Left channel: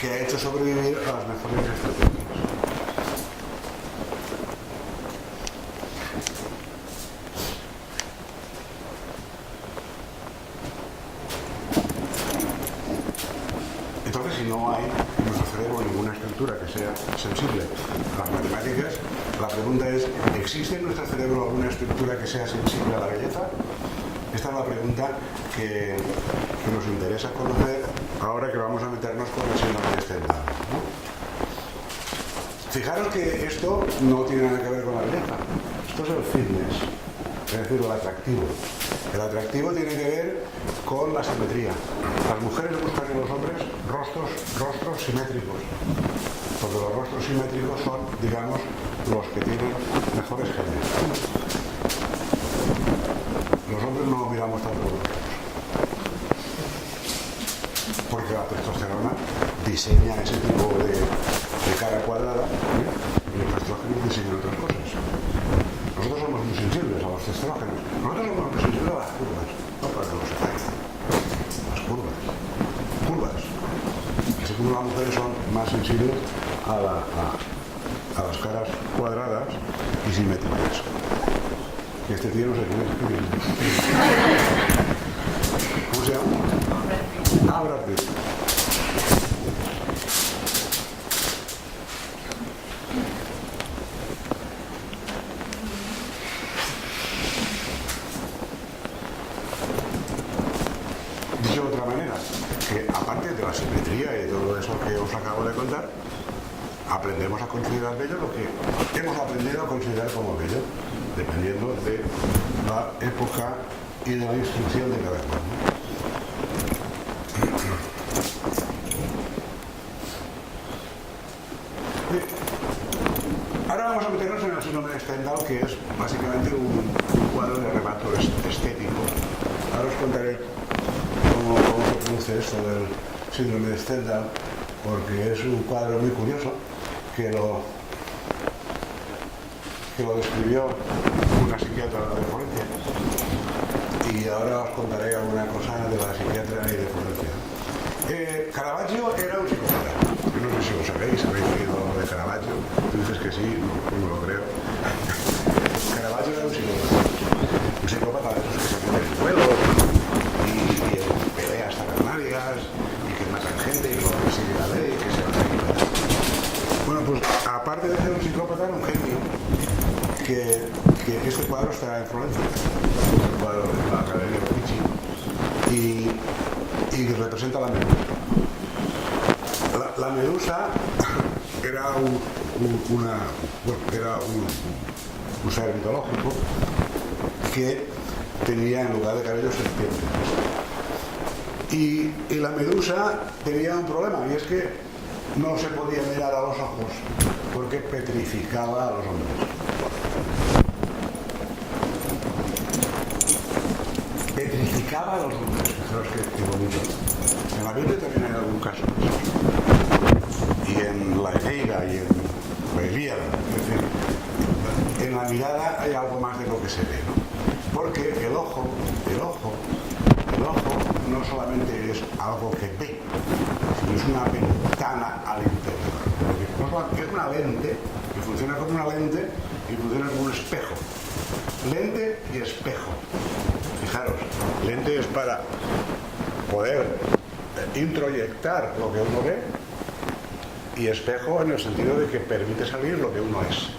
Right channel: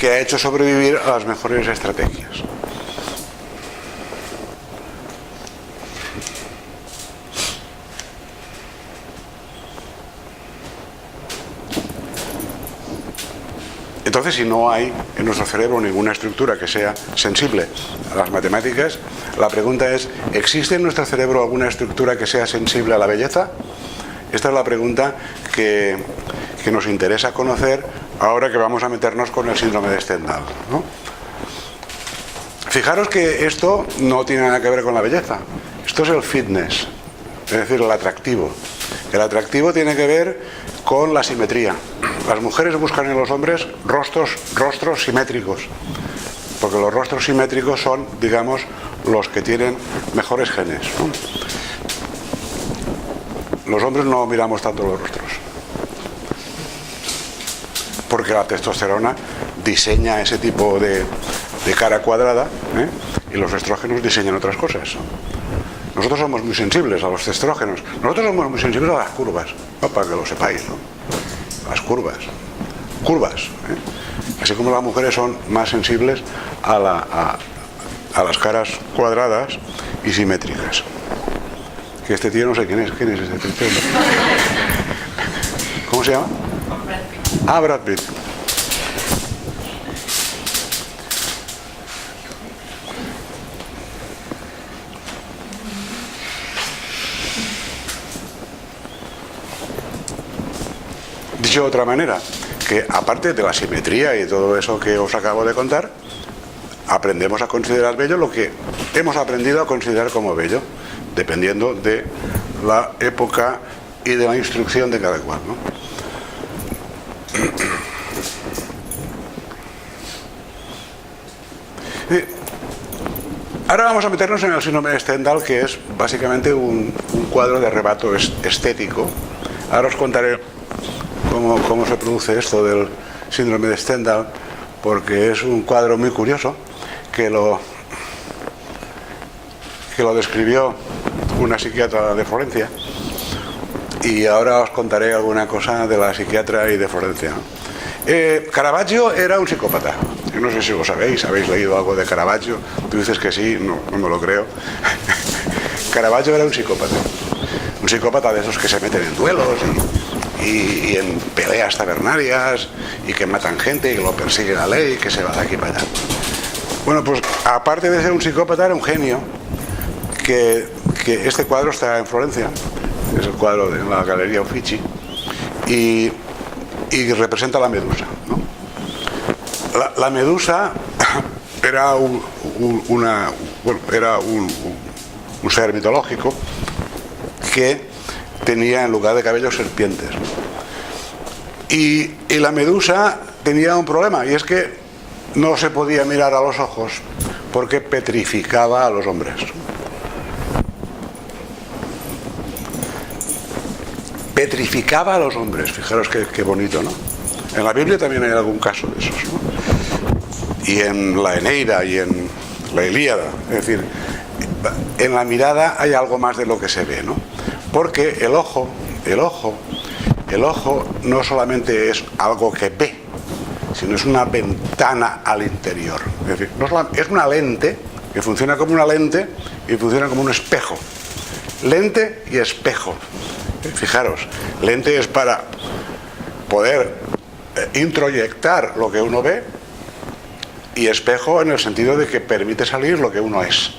que ha hecho sobrevivir a las mejores estrategias. Entonces, si no hay en nuestro cerebro ninguna estructura que sea sensible a las matemáticas, la pregunta es, ¿existe en nuestro cerebro alguna estructura que sea sensible a la belleza? Esta es la pregunta que nos interesa conocer ahora que vamos a meternos con el síndrome de Stendhal, ¿no? Fijaros que esto no tiene nada que ver con la belleza. Esto es el fitness, es decir, el atractivo. El atractivo tiene que ver con la simetría. Las mujeres buscan en los hombres rostros simétricos, porque los rostros simétricos son, digamos, los que tienen mejores genes, ¿no? Los hombres no miramos tanto los rostros, porque la testosterona diseña ese tipo de cara cuadrada, ¿eh? Y los estrógenos diseñan otras cosas, ¿no? Nosotros somos muy sensibles a los estrógenos. Nosotros somos muy sensibles a las curvas, ¿no? Para que lo sepáis, ¿no? Las curvas, ¿eh? Así como las mujeres son más sensibles a las caras cuadradas y simétricas. Que este tío no sé quién es este tío. ¿Cómo se llama? Brad Pitt. Ah, Brad Pitt. Dicho de otra manera, que aparte de la simetría y todo eso que os acabo de contar, aprendemos a considerar bello lo que hemos aprendido a considerar como bello, dependiendo de la época y de la instrucción de cada cual, ¿no? Ahora vamos a meternos en el síndrome de Stendhal, que es básicamente un cuadro de arrebato estético. Ahora os contaré cómo se produce esto del síndrome de Stendhal, porque es un cuadro muy curioso que lo describió una psiquiatra de Florencia, y ahora os contaré alguna cosa de la psiquiatra y de Florencia, ¿no? Caravaggio era un psicópata. Yo no sé si lo sabéis, habéis leído algo de Caravaggio. Tú dices que sí, no me lo creo. Caravaggio era un psicópata de esos que se meten en duelos y en peleas tabernarias y que matan gente y que lo persigue la ley y que se va de aquí para allá. Bueno, pues aparte de ser un psicópata, era un genio. Que este cuadro está en Florencia, es el cuadro en la Galería Uffizi, y representa la medusa, ¿no? La medusa era un ser mitológico que tenía en lugar de cabellos serpientes, ¿no? Y la medusa tenía un problema, y es que no se podía mirar a los ojos porque petrificaba a los hombres. Petrificaba a los hombres, fijaros qué bonito, ¿no? En la Biblia también hay algún caso de esos, ¿no? Y en la Eneida y en la Ilíada, es decir, en la mirada hay algo más de lo que se ve, ¿no? Porque el ojo no solamente es algo que ve, sino es una ventana al interior. Es decir, es una lente que funciona como una lente y funciona como un espejo. Lente y espejo. Fijaros, lente es para poder introyectar lo que uno ve, y espejo en el sentido de que permite salir lo que uno es.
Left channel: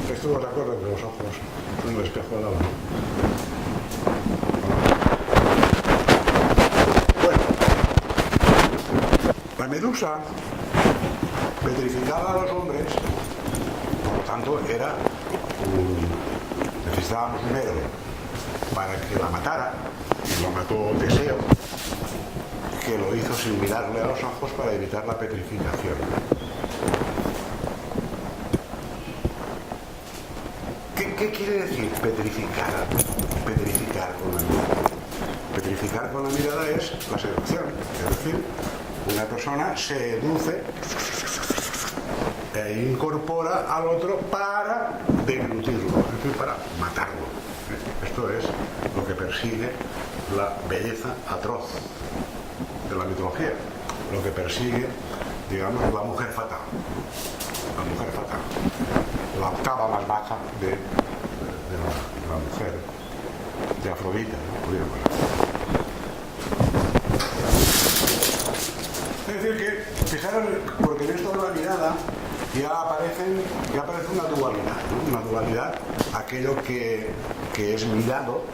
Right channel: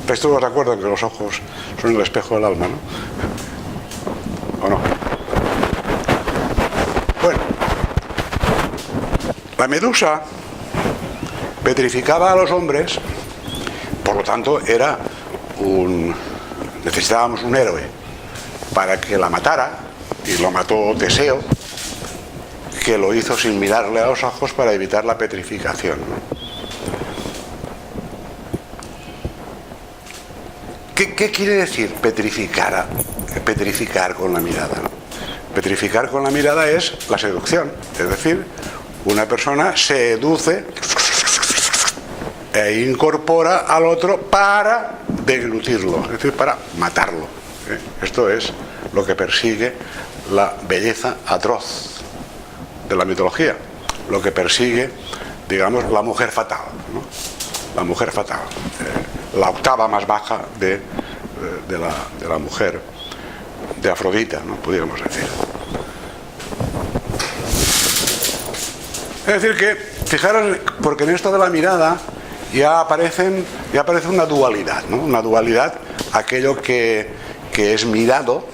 ¿Estáis todos de acuerdo que los ojos son el espejo del alma, no? ¿O no? Bueno, la medusa petrificaba a los hombres, por lo tanto necesitábamos un héroe para que la matara, y lo mató Teseo, que lo hizo sin mirarle a los ojos para evitar la petrificación, ¿no? ¿Qué quiere decir petrificar con la mirada, ¿no? Petrificar con la mirada es la seducción, es decir, una persona seduce e incorpora al otro para deglutirlo, es decir, para matarlo. Esto es lo que persigue la belleza atroz la mitología, lo que persigue, digamos, la mujer fatal, ¿no? La mujer fatal, la octava más baja de la mujer, de Afrodita, ¿no? Pudiéramos decir. Es decir que, fijaros, porque en esto de la mirada ya aparece una dualidad, ¿no? Una dualidad, aquello que es mirado,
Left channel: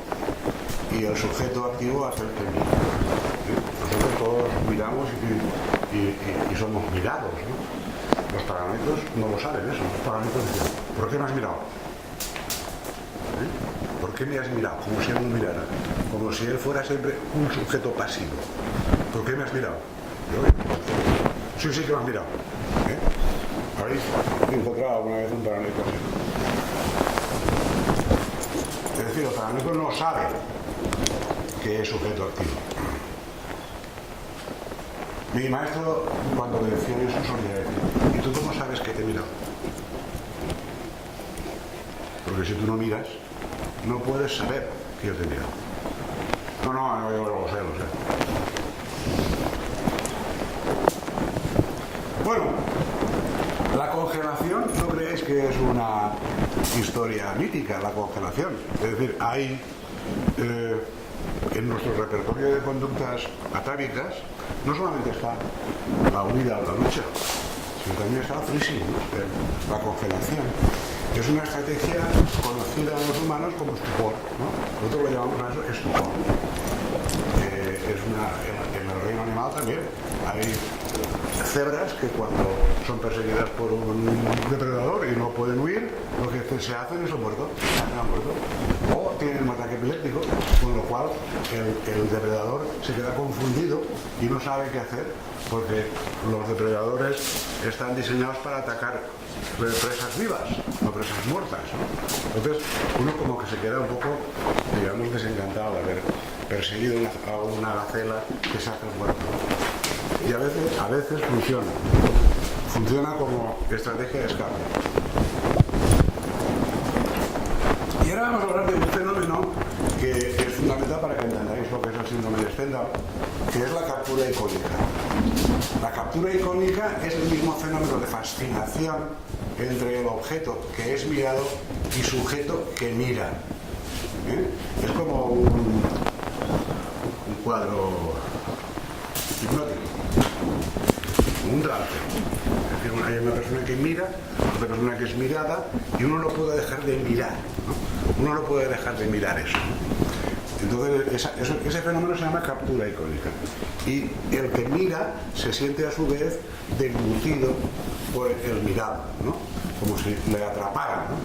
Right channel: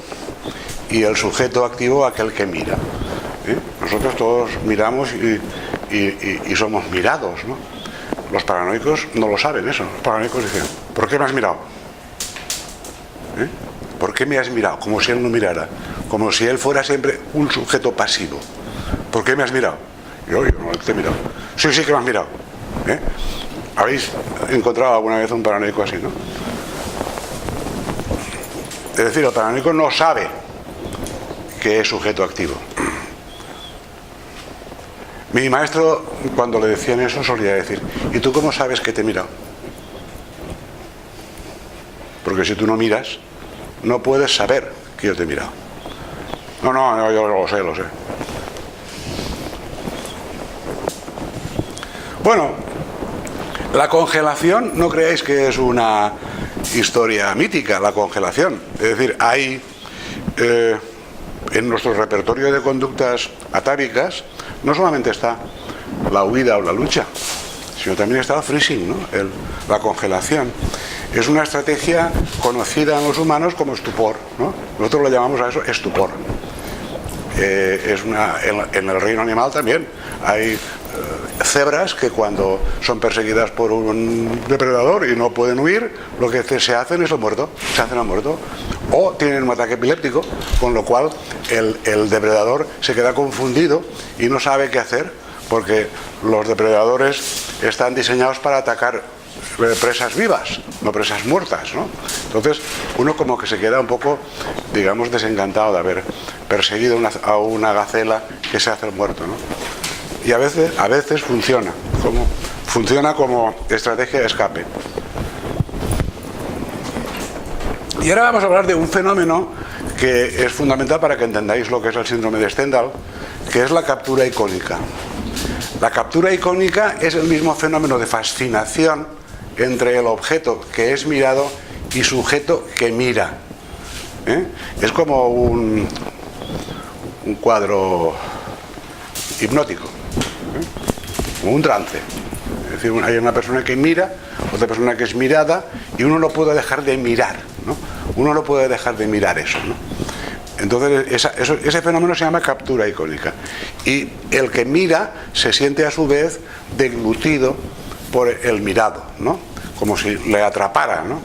y el sujeto activo, aquel que mira. Nosotros todos miramos y somos mirados, ¿no? Los paranoicos no lo saben eso. Los paranoicos dicen, ¿por qué me has mirado? ¿Por qué me has mirado? Como si él no mirara, como si él fuera siempre un sujeto pasivo. ¿Por qué me has mirado? Yo no te he mirado. Sí, sí que me has mirado. ¿Habéis encontrado alguna vez un paranoico así, no? Es decir, el paranoico no sabe que es sujeto activo. Mi maestro, cuando le decían eso, solía decir, ¿y tú cómo sabes que te he mirado? Porque si tú no miras, no puedes saber que yo te he mirado. No, yo lo sé. Bueno, la congelación, no creáis que es una historia mítica, la congelación. Es decir, hay en nuestro repertorio de conductas atávicas, no solamente está la huida o la lucha, sino también está el freezing, ¿no? La congelación. Es una estrategia conocida en los humanos como estupor, ¿no? Nosotros lo llamamos a eso estupor. En el reino animal también hay cebras que cuando son perseguidas por un depredador y no pueden huir, lo que se hacen es el muerto, se hacen al muerto. O tienen un ataque epiléptico, con lo cual el depredador se queda confundido y no sabe qué hacer, porque los depredadores están diseñados para atacar presas vivas, no presas muertas, ¿no? Entonces uno como que se queda un poco, digamos, desencantado de haber perseguido a una gacela que se hace el muerto, ¿no? Y a veces funciona como estrategia de escape. Y ahora vamos a hablar de un fenómeno que es fundamental para que entendáis lo que es el síndrome de Stendhal, que es la captura icónica. La captura icónica es el mismo fenómeno de fascinación entre el objeto que es mirado y sujeto que mira. Es como un cuadro hipnótico, un trance. Es decir, hay una persona que mira, otra persona que es mirada, y uno no puede dejar de mirar, ¿no? Uno no puede dejar de mirar eso, ¿no? Entonces ese fenómeno se llama captura icónica, y el que mira se siente a su vez deglutido por el mirado, ¿no? Como si le atrapara, ¿no?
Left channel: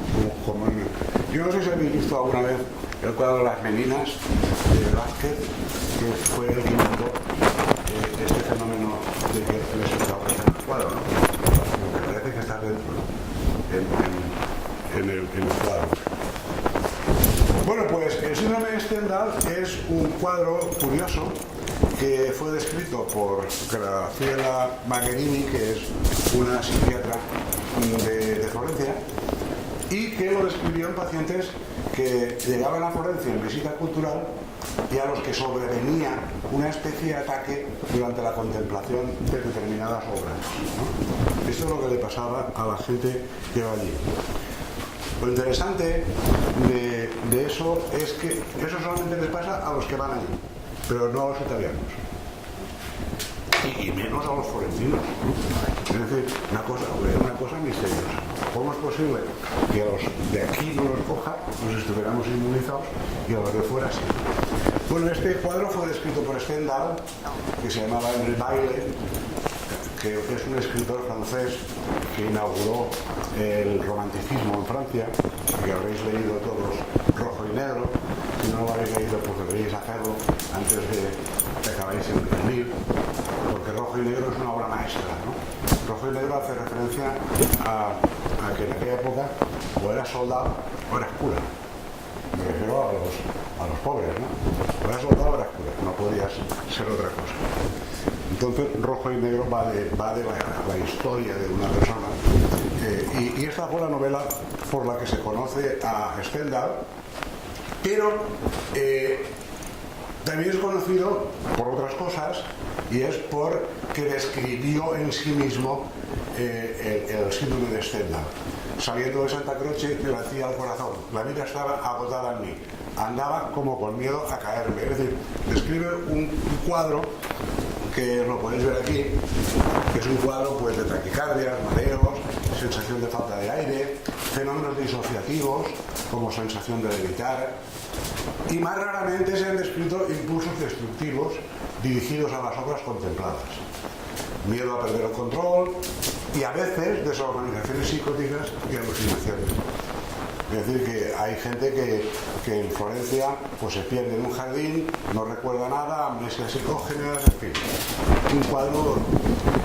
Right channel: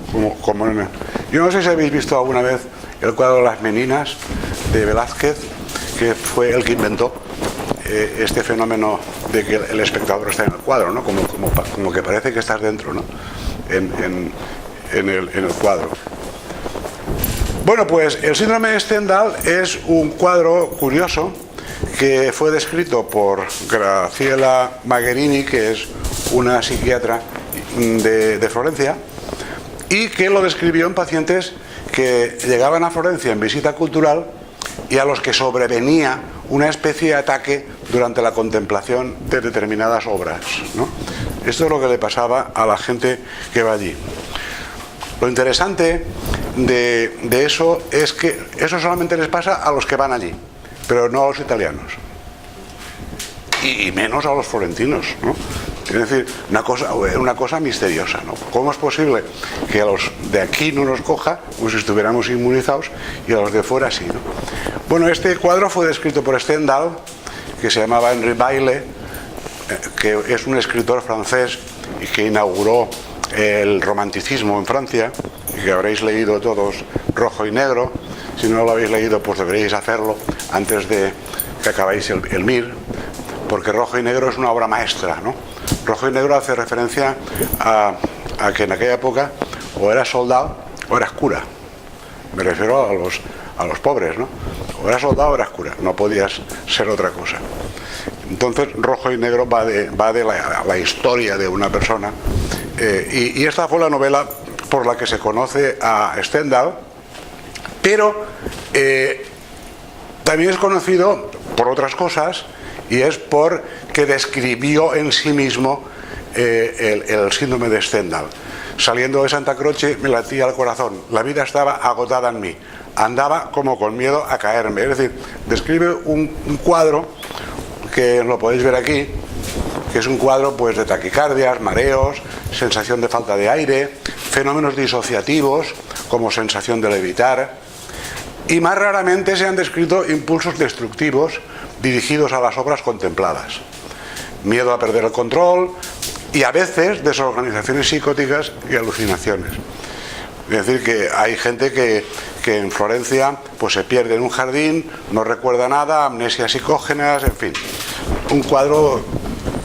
Yo no sé si habéis visto alguna vez el cuadro Las Meninas de Velázquez, que fue el que inventó este fenómeno de que el espectador está en el cuadro, ¿no? Como que parece que estás dentro, ¿no? en el cuadro. Bueno, pues el síndrome de Stendhal es un cuadro curioso que fue descrito por Graciela Magherini, que es una psiquiatra de Florencia, y que lo describió en pacientes que llegaban a Florencia en visita cultural y a los que sobrevenía una especie de ataque durante la contemplación de determinadas obras, ¿no? Esto es lo que le pasaba a la gente que va allí. Lo interesante de eso es que eso solamente les pasa a los que van allí, pero no a los italianos, y menos a los florentinos, ¿no? Es decir, una cosa misteriosa, ¿no? ¿Cómo es posible que a los de aquí no nos coja, como si estuviéramos inmunizados, y a los de fuera sí, ¿no? Bueno, este cuadro fue descrito por Stendhal, que se llamaba Henri Bayle, que es un escritor francés y que inauguró el romanticismo en Francia, y que habréis leído todos Rojo y Negro. Si no lo habéis leído, pues deberíais hacerlo antes de que acabéis el Mir, porque Rojo y Negro es una obra maestra, ¿no? Rojo y Negro hace referencia a que en aquella época o eras soldado o eras cura. Me refiero a los pobres, ¿no? O eras soldado o eras cura, no podías ser otra cosa. Entonces Rojo y Negro va de la historia de una persona, y esta fue la novela por la que se conoce a Stendhal, pero también es conocido por otras cosas, y es porque describió en sí mismo el síndrome de Stendhal. Saliendo de Santa Croce me latía el corazón, la vida estaba agotada en mí, andaba como con miedo a caerme. Es decir, describe un cuadro que lo podéis ver aquí, que es un cuadro pues de taquicardias, mareos, sensación de falta de aire, fenómenos disociativos como sensación de levitar, y más raramente se han descrito impulsos destructivos dirigidos a las obras contempladas, miedo a perder el control y a veces desorganizaciones psicóticas y alucinaciones. Es decir, que hay gente que en Florencia pues se pierde en un jardín, no recuerda nada, amnesias psicógenas, en fin, un cuadro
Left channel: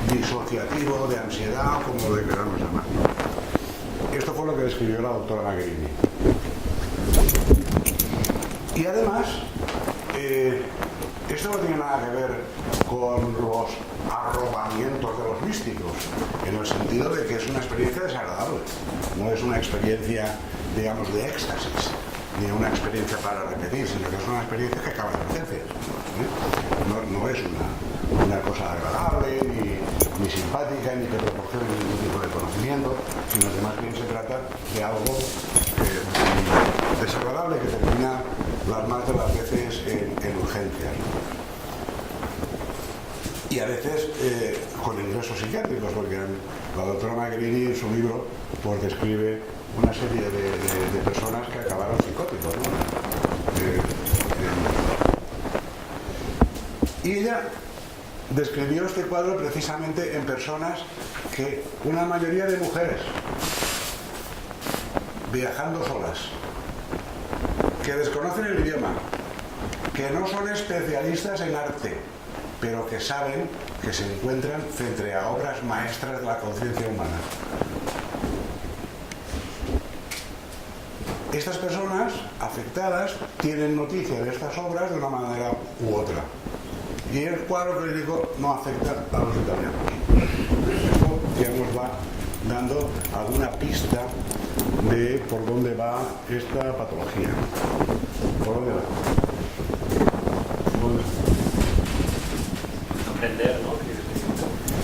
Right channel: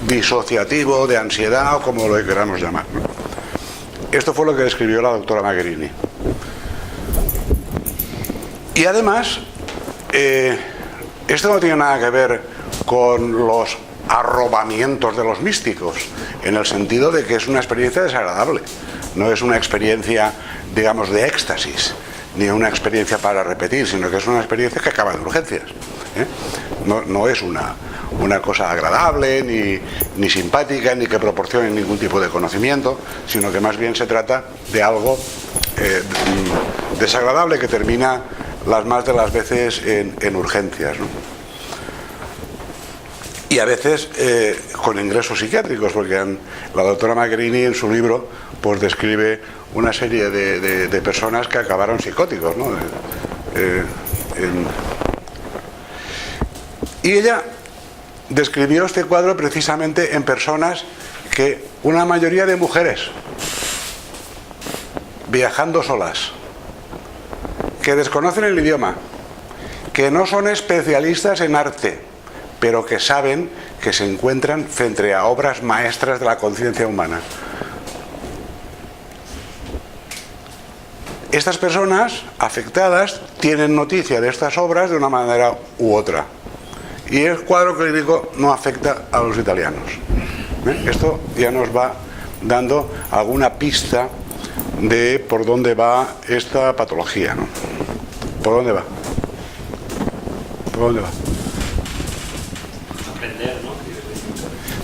disociativo, de ansiedad o como lo queramos llamar, ¿no? Esto fue lo que describió la doctora Magherini. Y además, esto no tiene nada que ver con los arrobamientos de los místicos, en el sentido de que es una experiencia desagradable, no es una experiencia, digamos, de éxtasis, ni una experiencia para repetir, sino que es una experiencia que acaba en urgencias, ¿eh? No es una cosa agradable, ni simpática, ni que proporcione ningún tipo de conocimiento, sino que más bien se trata de algo desagradable que termina las más de las veces en urgencias, ¿no? Y a veces con ingresos psiquiátricos, porque la doctora Magherini en su libro pues describe una serie de personas que acabaron psicóticos, ¿no? Y ella describió este cuadro precisamente en personas que, una mayoría de mujeres, viajando solas, que desconocen el idioma, que no son especialistas en arte, pero que saben que se encuentran frente a obras maestras de la conciencia humana. Estas personas afectadas tienen noticia de estas obras de una manera u otra. Y el cuadro clínico no afecta a los italianos. Esto ya nos va dando alguna pista de por dónde va esta patología, ¿no? ¿Por dónde va? ¿Por dónde va? Aprender,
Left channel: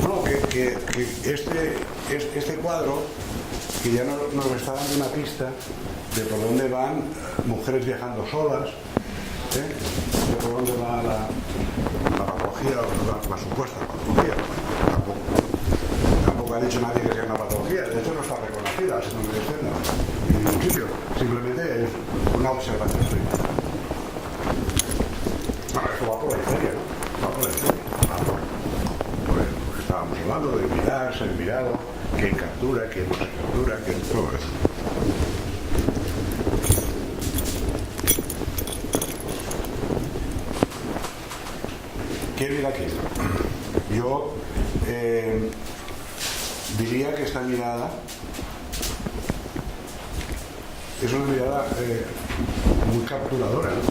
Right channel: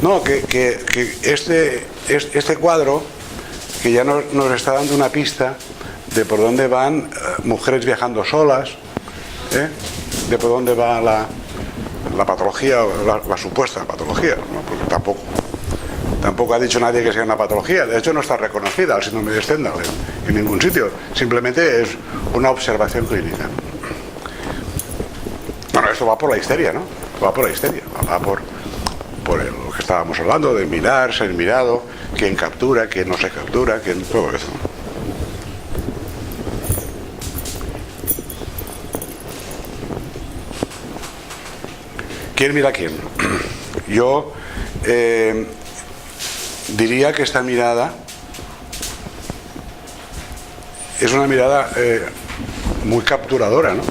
¿no? No, que este cuadro, que ya nos está dando una pista de por dónde van mujeres viajando solas, de por dónde va la patología, la supuesta patología, ¿no? Porque tampoco ha dicho nadie que sea una patología. De hecho, no está reconocida el síndrome de Stendhal en ningún sitio. Simplemente es una observación clínica, ¿no? Bueno, esto va por la histeria, ¿no? Va por la histeria, va por lo que estábamos hablando, de mirar, ser mirado, quién captura, quién no se captura, quién, todo eso, ¿no? ¿Quién mira a quién? Yo diría que esta mirada es una mirada muy capturadora, ¿no?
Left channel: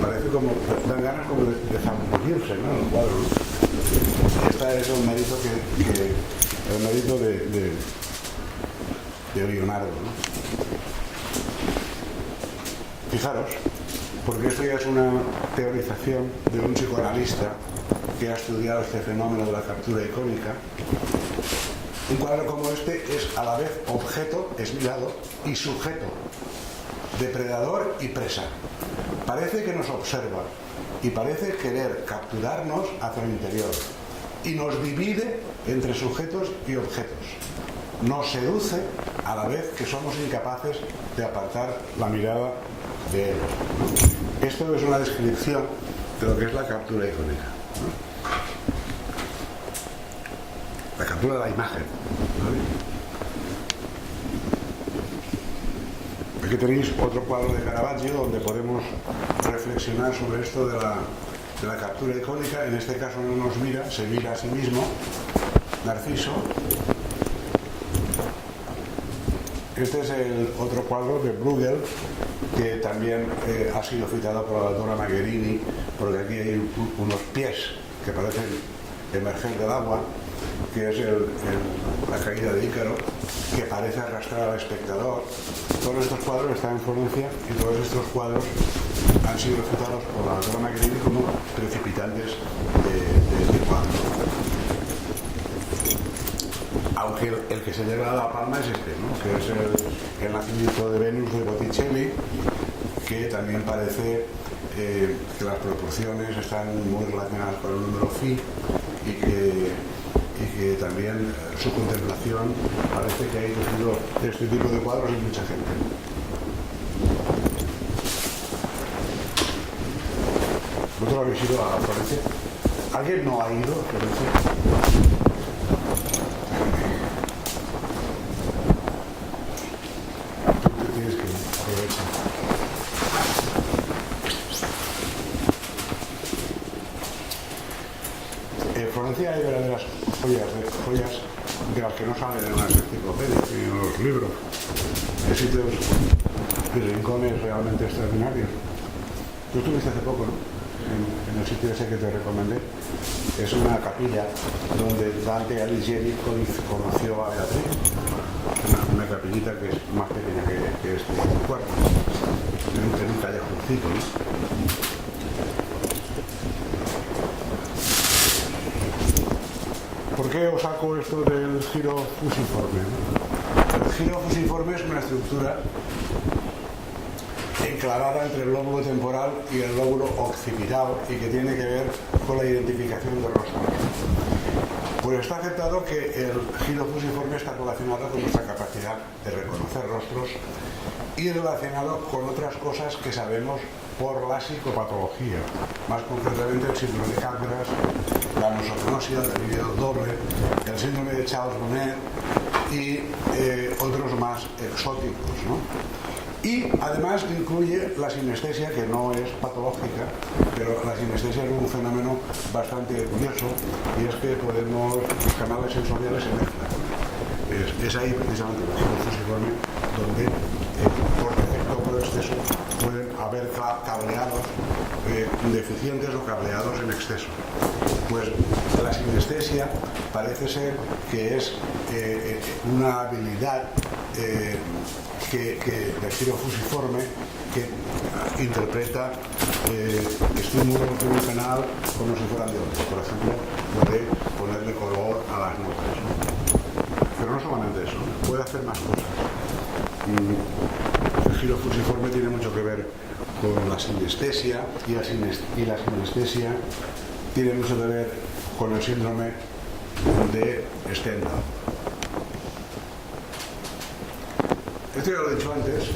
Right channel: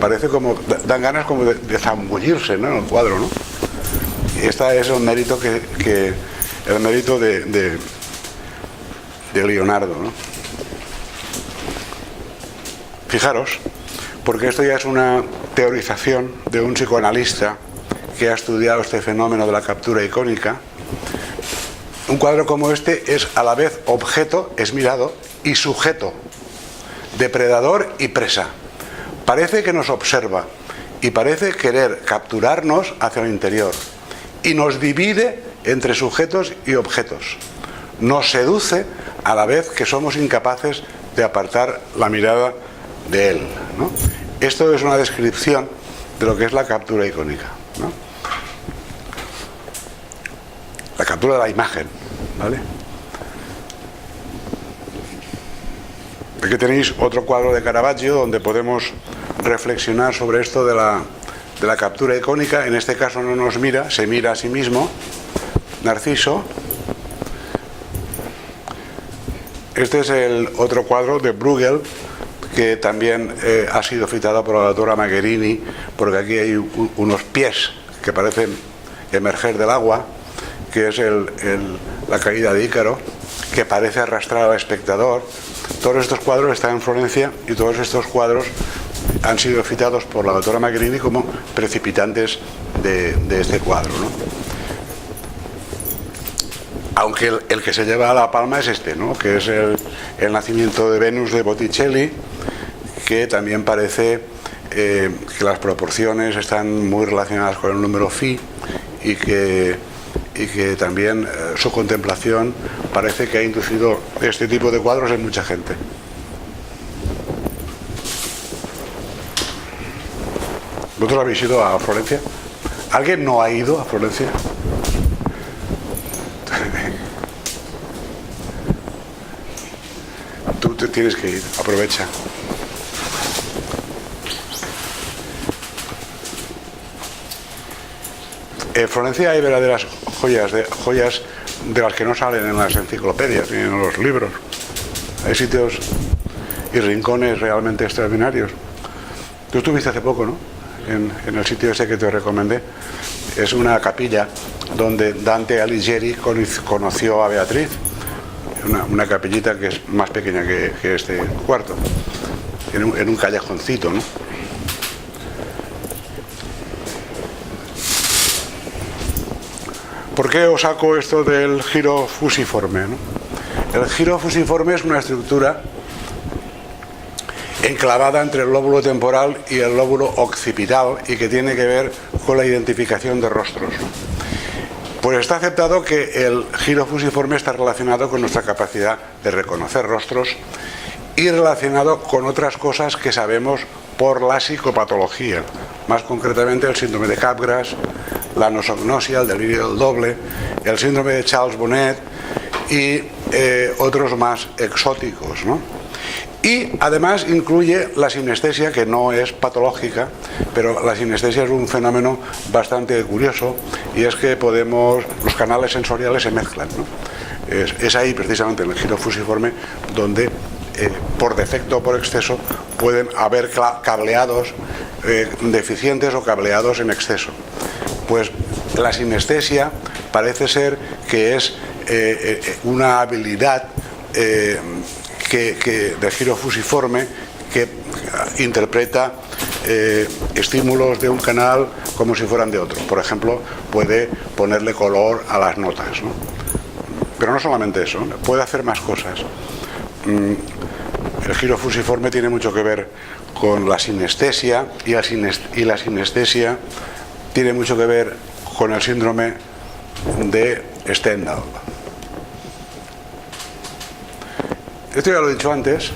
Parece como, dan ganas como de zambullirse, ¿no? En el cuadro, ¿no? Este es el mérito el mérito de Leonardo, ¿no? Fijaros, porque esto ya es una teorización de un psicoanalista que ha estudiado este fenómeno de la captura icónica. Un cuadro como este es a la vez objeto, es mirado, y sujeto, depredador y presa. Parece que nos observa y parece querer capturarnos hacia el interior, y nos divide entre sujetos y objetos. Nos seduce a la vez que somos incapaces de apartar la mirada de él, ¿no? Esto es una descripción de lo que es la captura icónica, ¿no? La captura de la imagen, ¿vale? Aquí tenéis otro cuadro de Caravaggio donde podemos reflexionar sobre esto de la captura icónica. En este caso no nos mira, se mira a sí mismo, Narciso. Este es el otro cuadro de Bruegel, que también ha sido citado por la doctora Magherini, porque aquí hay unos pies que parecen emerger del agua, que es la caída de Ícaro, que parece arrastrar al espectador. Todos estos cuadros están en Florencia y todos estos cuadros han sido citados por la doctora Magherini como precipitantes de este cuadro, ¿no? Aunque el que se lleva a la palma es este, ¿no? Que es el nacimiento de Venus de Botticelli, que también parece que las proporciones están muy relacionadas con el número phi y que también su contemplación parece que ha inducido este tipo de cuadros en mucha gente. ¿Vosotros habéis ido a Florencia? ¿Alguien no ha ido a Florencia? Tú te tienes que ir, aprovecha. En Florencia hay verdaderas joyas de las que no salen en las enciclopedias ni en los libros. Hay sitios y rincones realmente extraordinarios. Tú estuviste hace poco, ¿no? En el sitio ese que te recomendé. Es una capilla donde Dante Alighieri conoció a Beatriz. Una capillita que es más pequeña que este cuarto, en un callejoncito, ¿no? ¿Por qué os saco esto del giro fusiforme, ¿no? El giro fusiforme es una estructura enclavada entre el lóbulo temporal y el lóbulo occipital y que tiene que ver con la identificación de rostros, ¿no? Pues está aceptado que el giro fusiforme está relacionado con nuestra capacidad de reconocer rostros y relacionado con otras cosas que sabemos por la psicopatología, más concretamente el síndrome de Capgras, la nosognosia, el delirio del doble, el síndrome de Charles Bonnet y otros más exóticos, ¿no? Y además incluye la sinestesia, que no es patológica, pero la sinestesia es un fenómeno bastante curioso, y es que los canales sensoriales se mezclan, ¿no? Es ahí precisamente en el giro fusiforme donde por defecto o por exceso pueden haber cableados deficientes o cableados en exceso. Pues la sinestesia parece ser que es una habilidad de giro fusiforme que interpreta estímulos de un canal como si fueran de otro. Por ejemplo, puede ponerle color a las notas, ¿no? Pero no solamente eso, ¿no? Puede hacer más cosas. El giro fusiforme tiene mucho que ver con la sinestesia y la sinestesia tiene mucho que ver con el síndrome de Stendhal. Esto ya lo he dicho antes.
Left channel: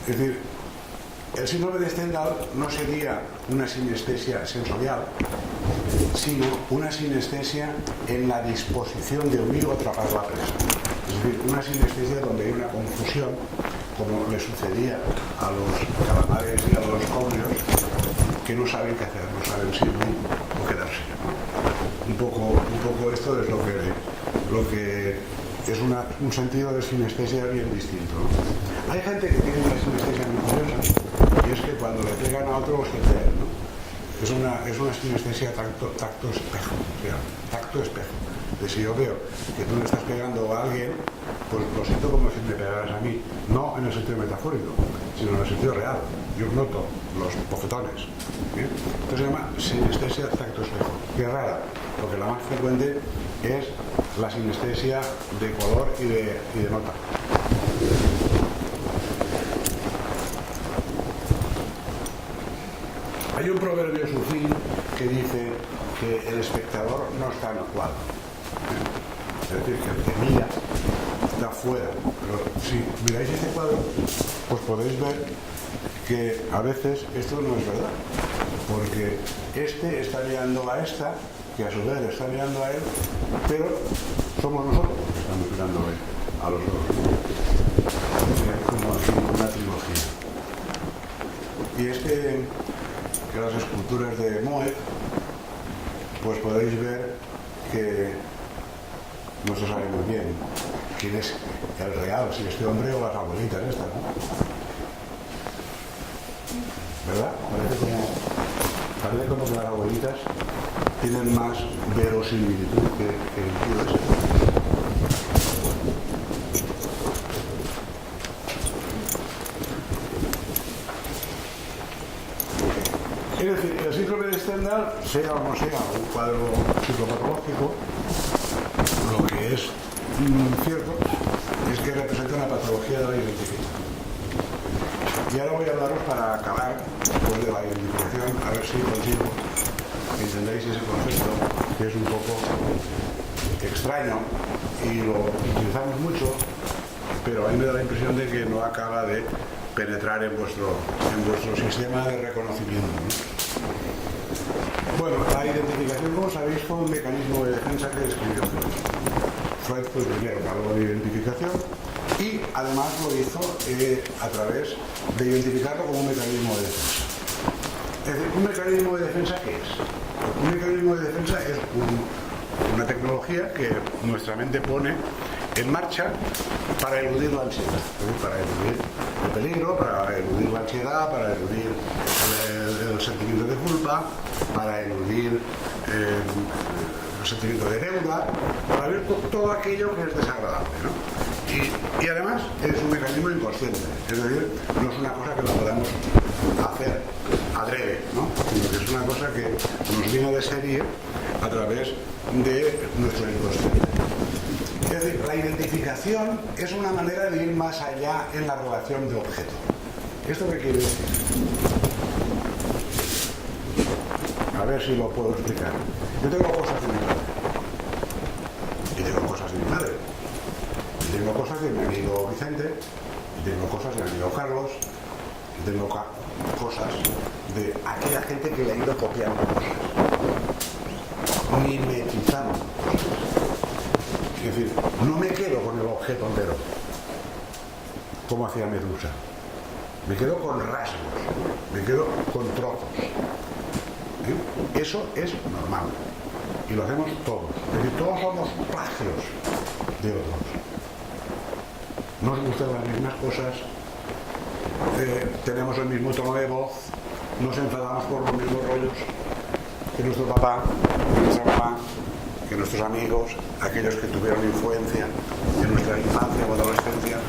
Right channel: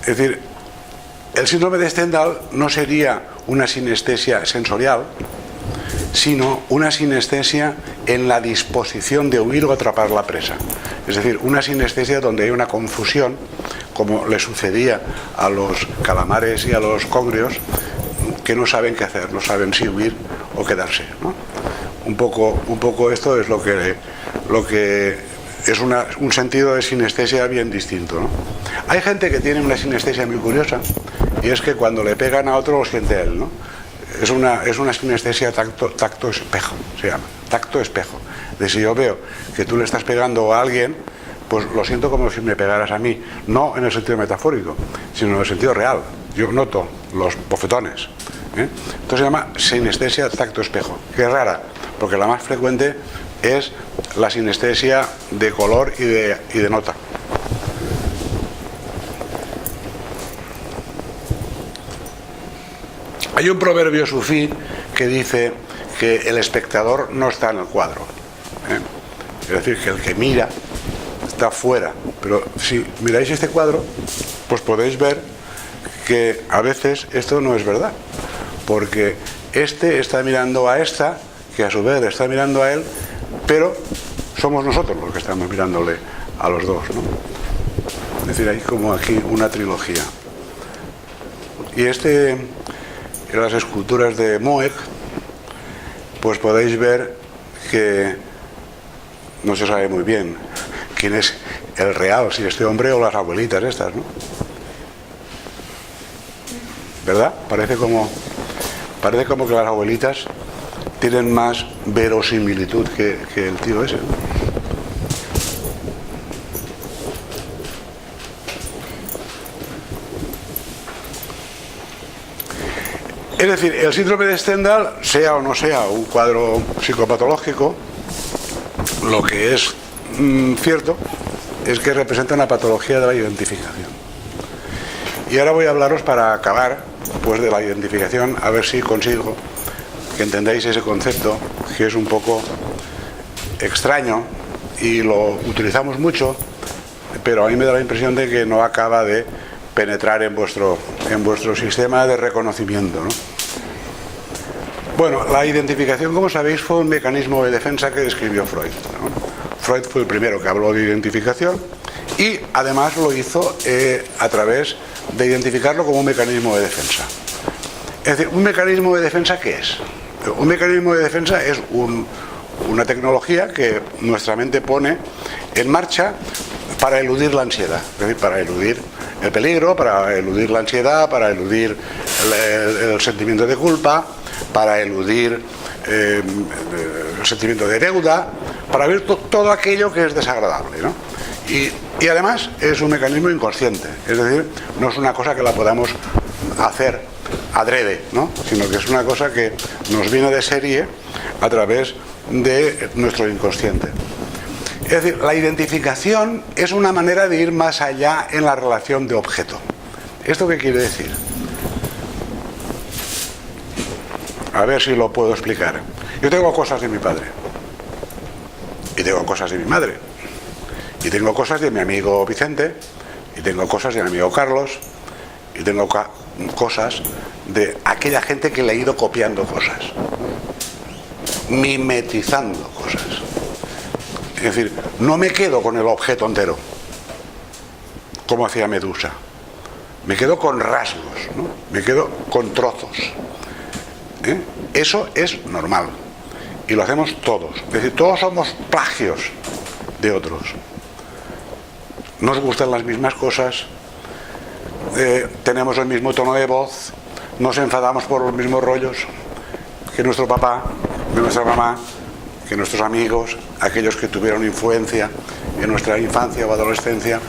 Es decir, el síndrome de Stendhal no sería una sinestesia sensorial, sino una sinestesia en la disposición de huir o atrapar la presa. Es decir, una sinestesia donde hay una confusión, como le sucedía a los calamares y a los congrios, que no saben qué hacer, no saben si huir o quedarse, ¿no? Un poco esto es lo que es un sentido de sinestesia bien distinto, ¿no? Hay gente que tiene una sinestesia muy curiosa, y es que cuando le pegan a otro lo siente él, ¿no? Es una sinestesia tacto espejo, se llama, tacto espejo. De si yo veo que tú le estás pegando a alguien, pues lo siento como si me pegaras a mí, no en el sentido metafórico, sino en el sentido real. Yo noto los bofetones, ¿eh? Esto se llama sinestesia tacto espejo, que es rara, porque la más frecuente es la sinestesia de color y de nota. Hay un proverbio sufí que dice que el espectador no está en el cuadro, ¿eh? Es decir, que el que mira está fuera. Pero si miráis este cuadro, pues podéis ver que a veces esto no es verdad, porque este está mirando a esta, que a su vez está mirando a él, pero somos nosotros los que estamos mirándole a los dos, ¿no? Es decir, hay como aquí una trilogía. Y en las esculturas de Moeg, pues podéis ver que no se sabe muy bien quién es el real, si este hombre o las abuelitas estas, ¿no? ¿Verdad? Parece como que las abuelitas tienen más verosimilitud que el tío ese, ¿no? Es decir, el síndrome de Stendhal, sea o no sea un cuadro psicopatológico, lo que es cierto es que representa una patología de la identificación. Y ahora voy a hablaros, para acabar pues, de la identificación, a ver si consigo que entendáis ese concepto, que es un poco extraño y lo utilizamos mucho, pero a mí me da la impresión de que no acaba de penetrar en vuestro sistema de reconocimiento, ¿no? Bueno, la identificación, como sabéis, fue un mecanismo de defensa que describió Freud, ¿no? Freud fue el primero que habló de identificación y además lo hizo a través de identificarlo como un mecanismo de defensa. Es decir, ¿un mecanismo de defensa qué es? Un mecanismo de defensa es una tecnología que nuestra mente pone en marcha para eludir la ansiedad, es decir, para eludir el peligro, para eludir la ansiedad, para eludir el sentimiento de culpa, para eludir el sentimiento de deuda, para eludir todo aquello que es desagradable, ¿no? Y además es un mecanismo inconsciente, es decir, no es una cosa que la podamos hacer adrede, ¿no? Sino que es una cosa que nos viene de serie a través de nuestro inconsciente. Es decir, la identificación es una manera de ir más allá en la relación de objeto. ¿Esto qué quiere decir? A ver si lo puedo explicar. Yo tengo cosas de mi padre, y tengo cosas de mi madre, y tengo cosas de mi amigo Vicente, y tengo cosas de mi amigo Carlos, y tengo cosas de aquella gente que le he ido copiando cosas, ¿no? Mimetizando cosas. Es decir, no me quedo con el objeto entero, como hacía Medusa. Me quedo con rasgos, ¿no? Me quedo con trozos. Eso es normal. Y lo hacemos todos. Es decir, todos somos plagios de otros. Nos gustan las mismas cosas, tenemos el mismo tono de voz, nos enfadamos por los mismos rollos que nuestro papá, que nuestra mamá, que nuestros amigos, aquellos que tuvieron influencia en nuestra infancia o adolescencia.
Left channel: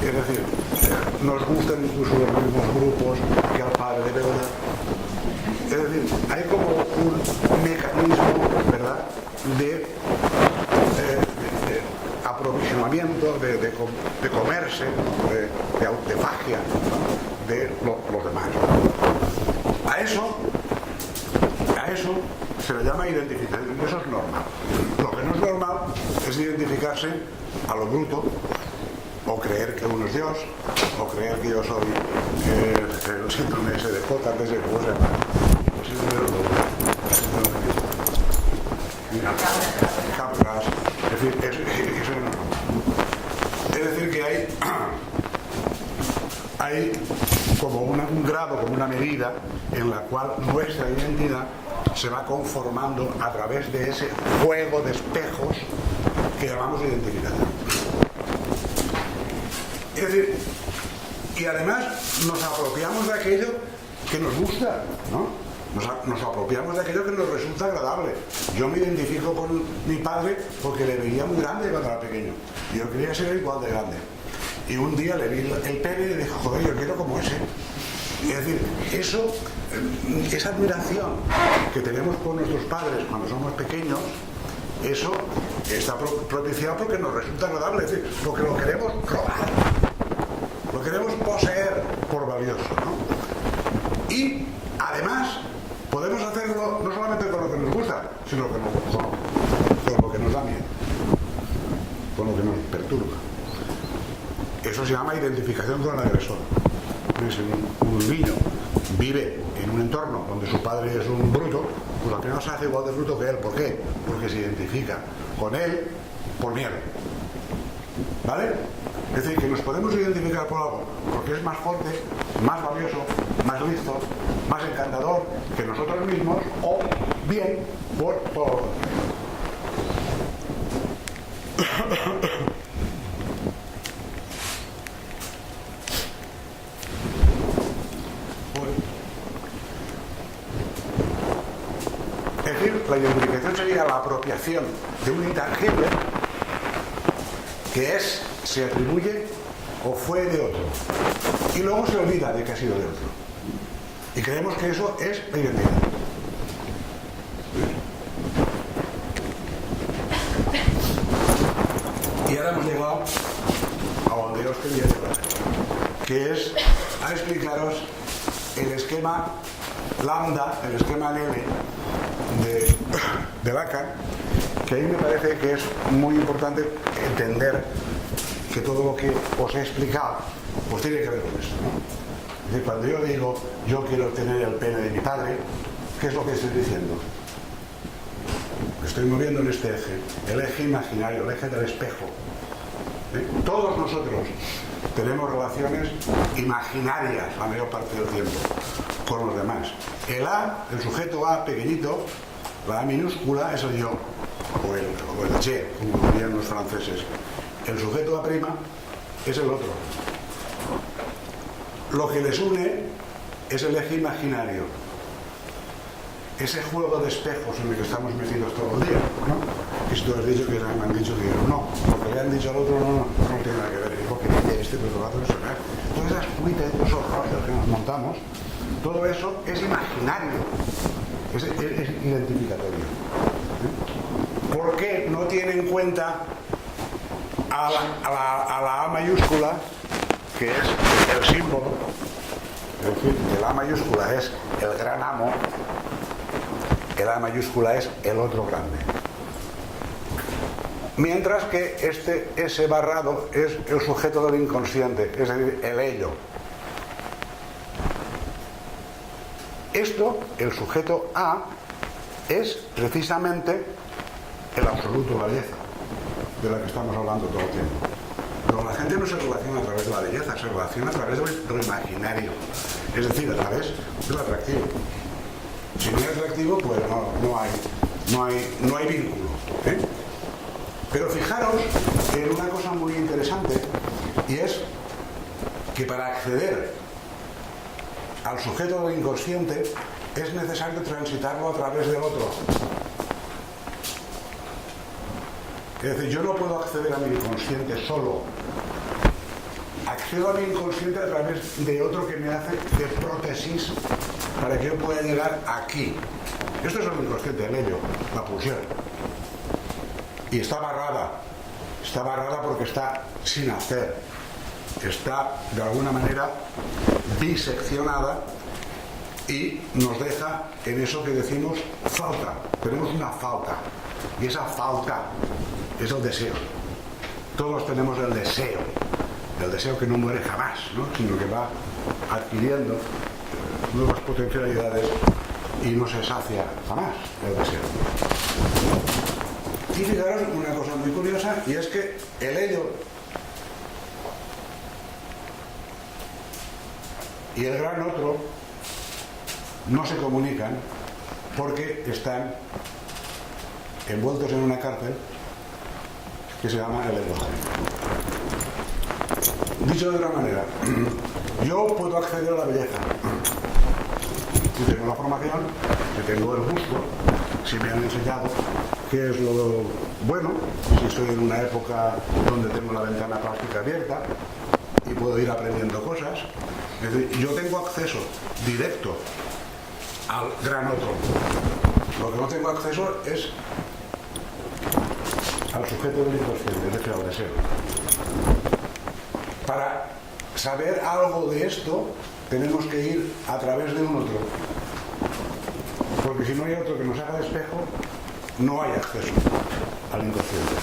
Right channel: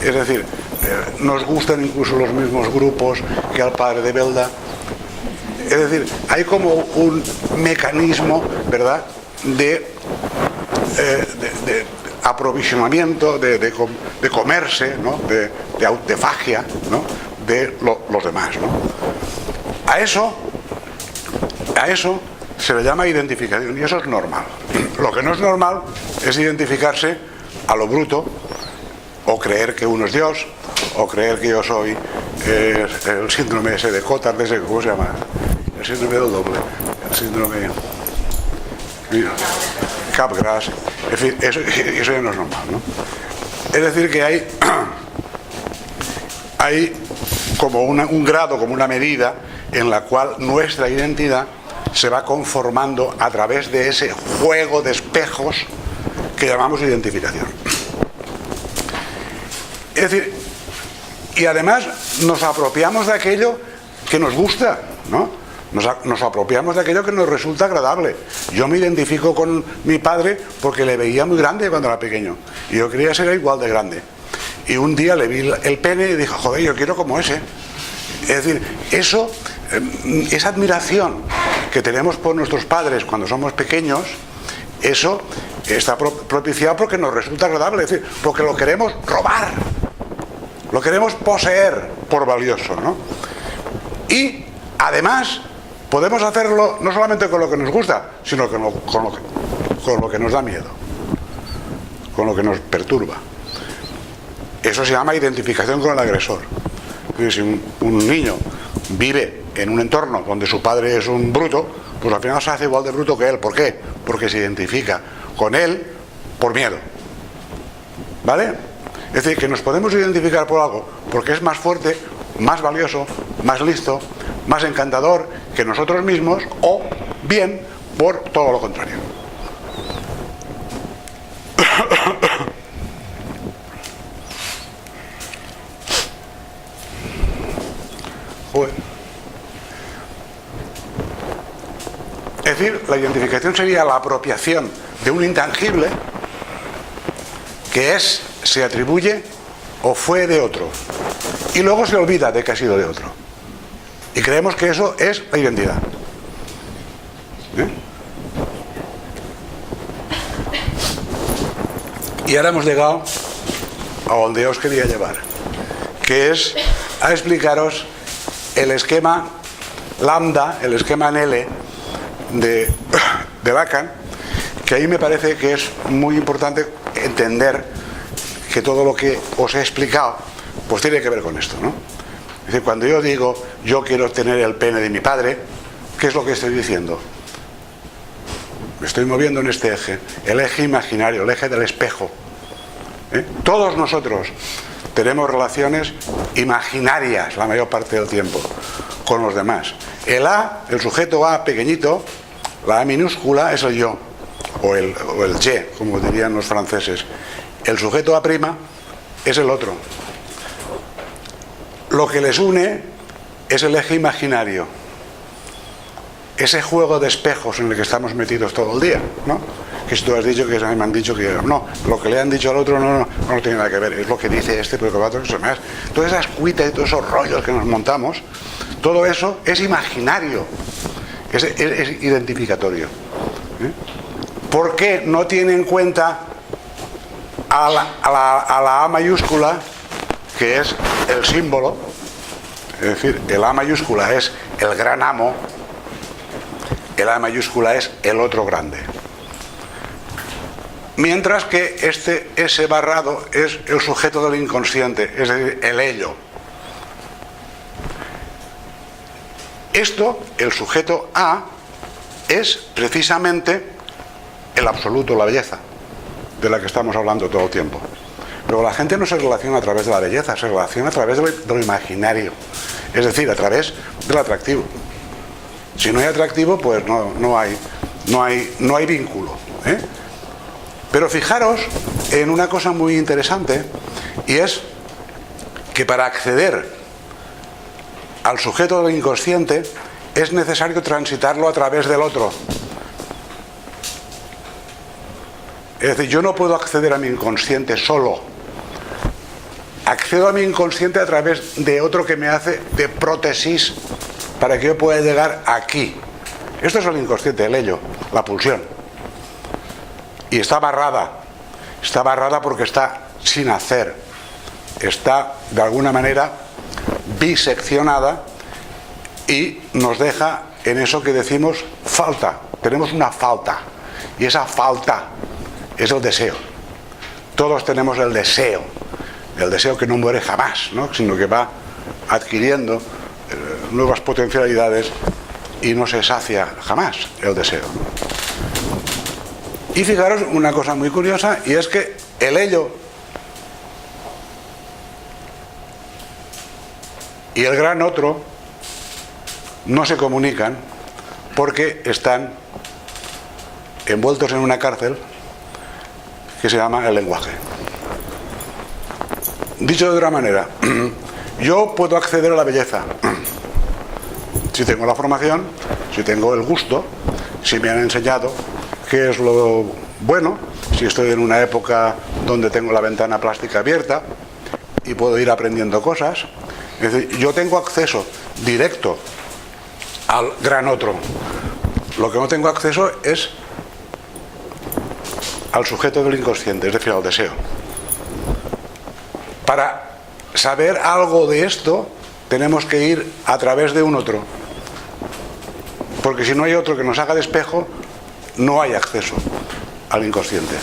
Es decir, nos gustan incluso los mismos grupos que al padre de Belda. Es decir, hay como un mecanismo, ¿verdad?, de aprovisionamiento, de comerse, ¿no?, de autofagia, ¿no?, de los demás, ¿no? A eso se le llama identificación, y eso es normal. Lo que no es normal es identificarse a lo bruto, o creer que uno es Dios, o creer que yo soy el síndrome ese de Cotard, ¿cómo se llama? El síndrome del doble, el síndrome... Mira, Capgras. En fin, eso ya no es normal, ¿no? Es decir, que hay como un grado, como una medida en la cual nuestra identidad se va conformando a través de ese juego de espejos que llamamos identificación. Es decir, y además nos apropiamos de aquello que nos gusta, ¿no? Nos apropiamos de aquello que nos resulta agradable. Yo me identifico con mi padre porque le veía muy grande cuando era pequeño y yo quería ser igual de grande. Y un día le vi el pene y dije, joder, yo quiero como ese. Es decir, esa admiración que tenemos por nuestros padres cuando somos pequeños, eso está propiciado porque nos resulta agradable, es decir, porque lo queremos robar, lo queremos poseer por valioso, ¿no? Y además podemos hacerlo no solamente con lo que nos gusta, sino con lo que nos da miedo, con lo que nos perturba. Eso se llama identificación con el agresor. Si un niño vive en un entorno donde su padre es un bruto, pues al final se hace igual de bruto que él. ¿Por qué? Porque se identifica con él por miedo. ¿Vale? Es decir, que nos podemos identificar por algo porque es más fuerte, más valioso, más listo, más encantador que nosotros mismos, o bien por todo lo contrario. Joder. Es decir, la identificación sería la apropiación de un intangible que se atribuye o fue de otro y luego se olvida de que ha sido de otro. Y creemos que eso es la identidad. Y ahora hemos llegado a donde os quería llevar, que es a explicaros el esquema lambda, el esquema en L de Lacan, que ahí me parece que es muy importante entender que todo lo que os he explicado pues tiene que ver con esto, ¿no? Es decir, cuando yo digo yo quiero tener el pene de mi padre, ¿qué es lo que estoy diciendo? Me estoy moviendo en este eje, el eje imaginario, el eje del espejo. Todos nosotros tenemos relaciones imaginarias la mayor parte del tiempo con los demás. El A, el sujeto A pequeñito, la A minúscula es el yo, o el je, como dirían los franceses. El sujeto A' es el otro. Lo que les une es el eje imaginario, ese juego de espejos en el que estamos metidos todo el día, ¿no? Que si tú has dicho que me han dicho que no, lo que le han dicho al otro no tiene nada que ver, es lo que dice este, pero que va a otro que se me hace. Todas esas cuitas y todos esos rollos que nos montamos, todo eso es imaginario, es identificatorio. ¿Por qué no tiene en cuenta a la A mayúscula, que es el símbolo? Es decir, el A mayúscula es el gran amo, el A mayúscula es el otro grande. Mientras que ese barrado es el sujeto del inconsciente, es decir, el ello. Esto, el sujeto A, es precisamente el absoluto, la belleza, de la que estamos hablando todo el tiempo. Pero la gente no se relaciona a través de la belleza, se relaciona a través de lo imaginario, es decir, a través del atractivo. Si no hay atractivo, pues no hay vínculo, ¿eh? Pero fijaros en una cosa muy interesante, y es que para acceder al sujeto del inconsciente es necesario transitarlo a través del otro. Es decir, yo no puedo acceder a mi inconsciente solo. Accedo a mi inconsciente a través de otro que me hace de prótesis para que yo pueda llegar aquí. Esto es el inconsciente, el ello, la pulsión. Y está barrada porque está sin hacer, está de alguna manera biseccionada y nos deja en eso que decimos falta. Tenemos una falta, y esa falta es el deseo. Todos tenemos el deseo que no muere jamás, ¿no? Sino que va adquiriendo nuevas potencialidades y no se sacia jamás el deseo, ¿no? Y fijaros una cosa muy curiosa, y es que el ello y el gran otro no se comunican porque están envueltos en una cárcel que se llama el lenguaje. Dicho de otra manera, yo puedo acceder a la belleza si tengo la formación, si tengo el gusto, si me han enseñado qué es lo bueno, si estoy en una época donde tengo la ventana plástica abierta y puedo ir aprendiendo cosas. Es decir, yo tengo acceso directo al gran otro. Lo que no tengo acceso es al sujeto del inconsciente, es decir, al deseo. Para saber algo de esto tenemos que ir a través de un otro, porque si no hay otro que nos haga de espejo, no hay acceso al inconsciente.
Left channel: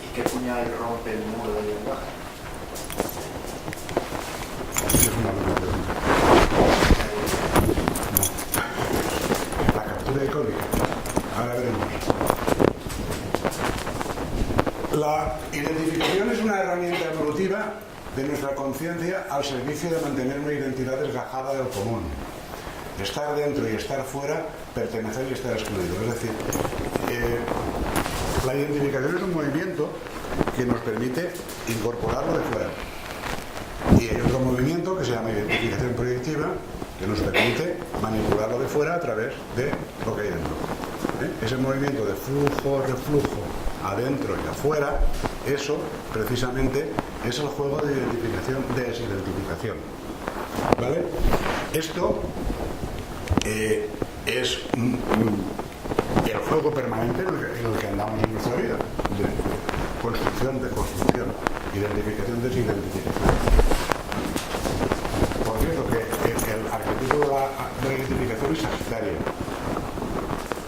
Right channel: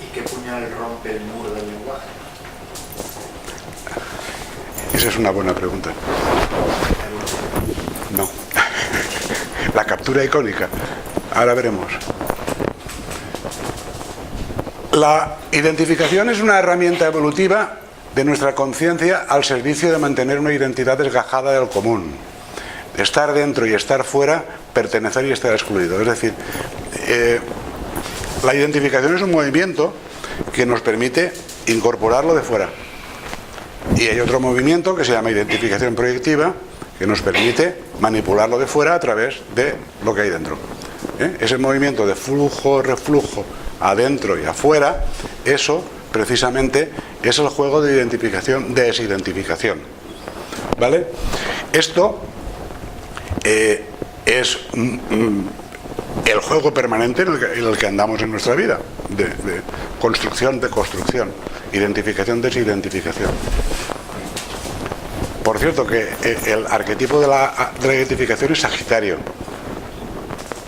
¿Y qué puñal rompe el muro del lenguaje? Esa es una buena pregunta. No. La captura icónica. Ahora veremos. La identificación es una herramienta evolutiva de nuestra conciencia al servicio de mantener una identidad desgajada del común. Estar dentro y estar fuera, pertenecer y estar excluido. Es decir, la identificación es un movimiento que nos permite incorporarlo de fuera. Y hay otro movimiento que se llama identificación proyectiva, que nos permite manipularlo de fuera a través de lo que hay dentro. Ese movimiento de flujo, reflujo, adentro y afuera, eso precisamente es el juego de identificación-desidentificación. ¿Vale? Esto es el juego permanente en el que andamos en nuestra vida, de construcción, deconstrucción, identificación, desidentificación. Por cierto, que el arquetipo de la identificación es Sagitario.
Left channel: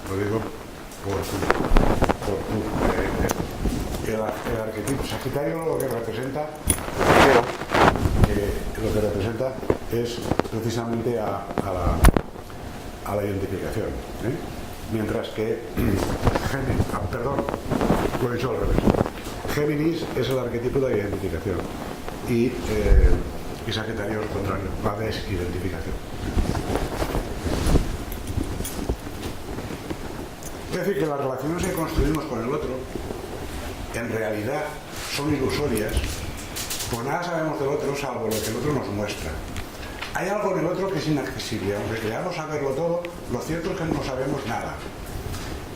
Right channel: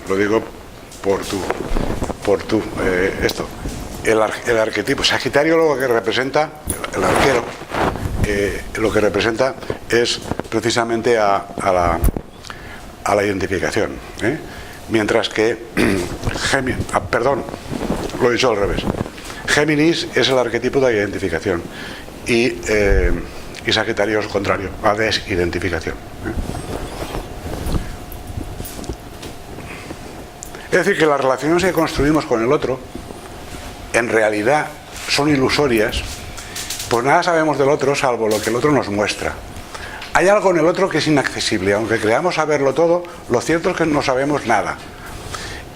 Lo digo por esto. El arquetipo Sagitario, lo que representa, el arquero, lo que representa es precisamente a la identificación, ¿eh? Mientras que lo he dicho al revés. Géminis es el arquetipo de la identificación y Sagitario es el contrario, la desidentificación, ¿eh? Es decir, que las relaciones que construimos con el otro en realidad son ilusorias, pues nada sabemos del otro salvo lo que el otro nos muestra. Hay algo en el otro que es inaccesible, aunque creamos saberlo todo, lo cierto es que no sabemos nada.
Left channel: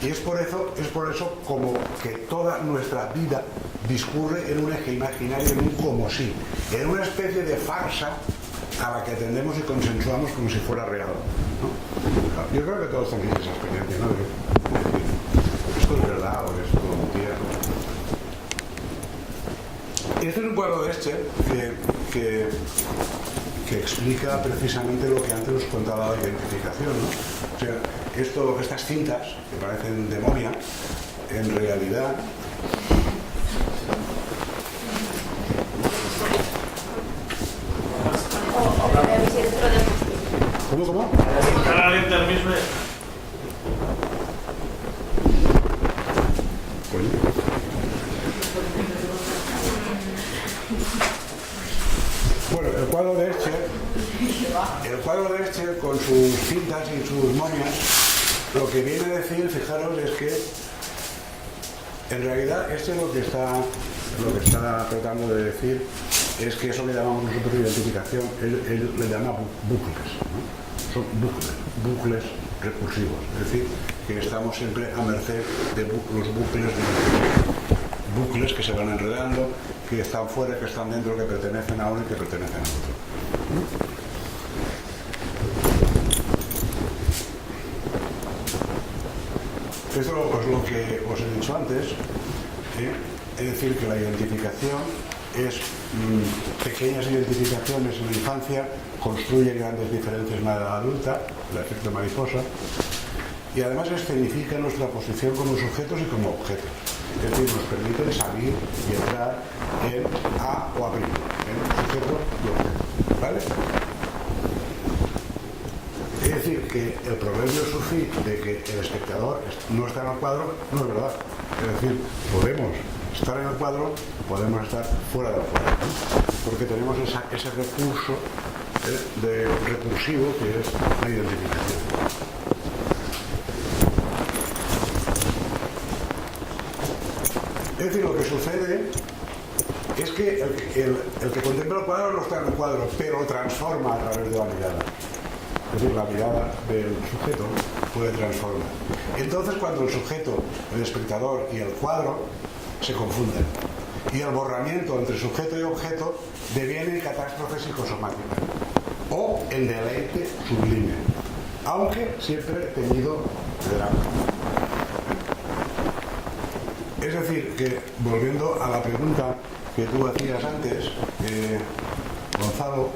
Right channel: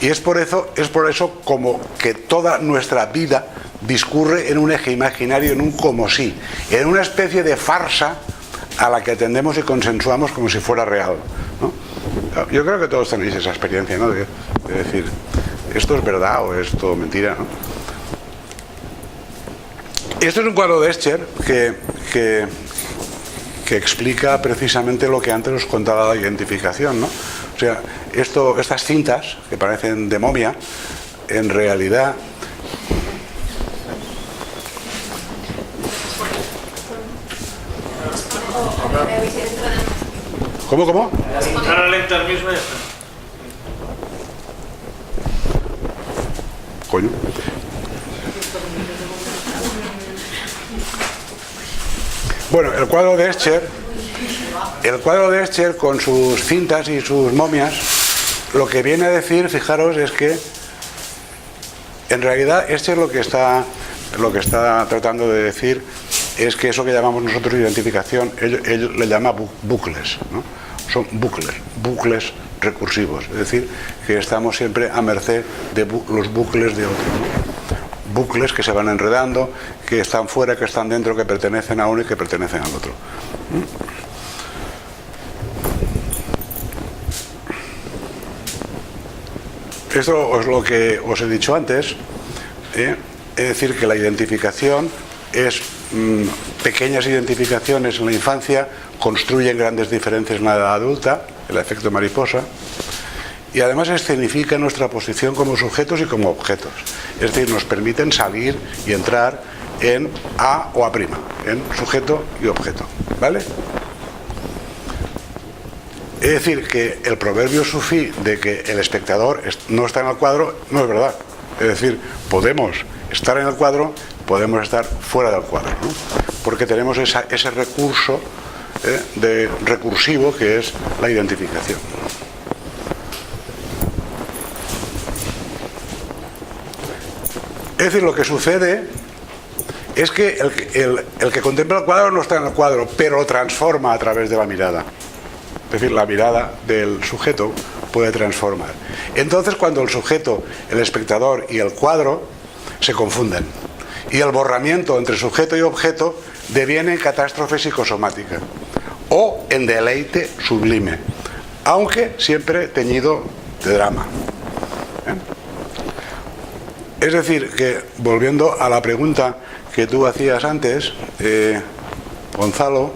Y es por eso como que toda nuestra vida discurre en un eje imaginario, en un como si, en una especie de farsa a la que atendemos y consensuamos como si fuera real, ¿no? Yo creo que todos tenéis esa experiencia, ¿no? De decir, ¿esto es verdad o es todo mentira, ¿no? Esto es un cuadro de Escher que explica precisamente lo que antes os contaba de la identificación, ¿no? O sea, estas cintas que parecen de momia, en realidad ¿Cómo? Entrar al enter mismo y ya está. Coño. Bueno, el cuadro de Escher con sus cintas y sus momias, lo que viene a decir, fijaros, es que en realidad Escher lo que está tratando de decir es que eso que llamamos nosotros identificación, él le llama bucles, ¿no? Son bucles recursivos, es decir, que estamos siempre a merced de los bucles de otro, ¿no? Bucles que se van enredando, que están fuera, que están dentro, que pertenecen a uno y que pertenecen al otro. Esto es lo que os he dicho antes, ¿eh? Es decir, que la identificación es pequeñas identificaciones en la infancia construyen grandes diferencias en la edad adulta, el efecto mariposa, y además escenifica nuestra posición como sujetos y como objetos. Es decir, nos permiten salir y entrar en A o A', en sujeto y objeto, ¿vale? Es decir, que el proverbio sufí de que el espectador no está en el cuadro no es verdad. Es decir, podemos estar en el cuadro, podemos estar fuera del cuadro, ¿no? Porque tenemos ese recurso recursivo que es la identificación. Es decir, lo que sucede es que el que contempla el cuadro no está en el cuadro, pero lo transforma a través de la mirada. Es decir, la mirada del sujeto puede transformar. Entonces, cuando el sujeto, el espectador y el cuadro se confunden, y el borramiento entre sujeto y objeto deviene en catástrofe psicosomática o en deleite sublime, aunque siempre teñido de drama. Es decir, que volviendo a la pregunta que tú hacías antes, Gonzalo,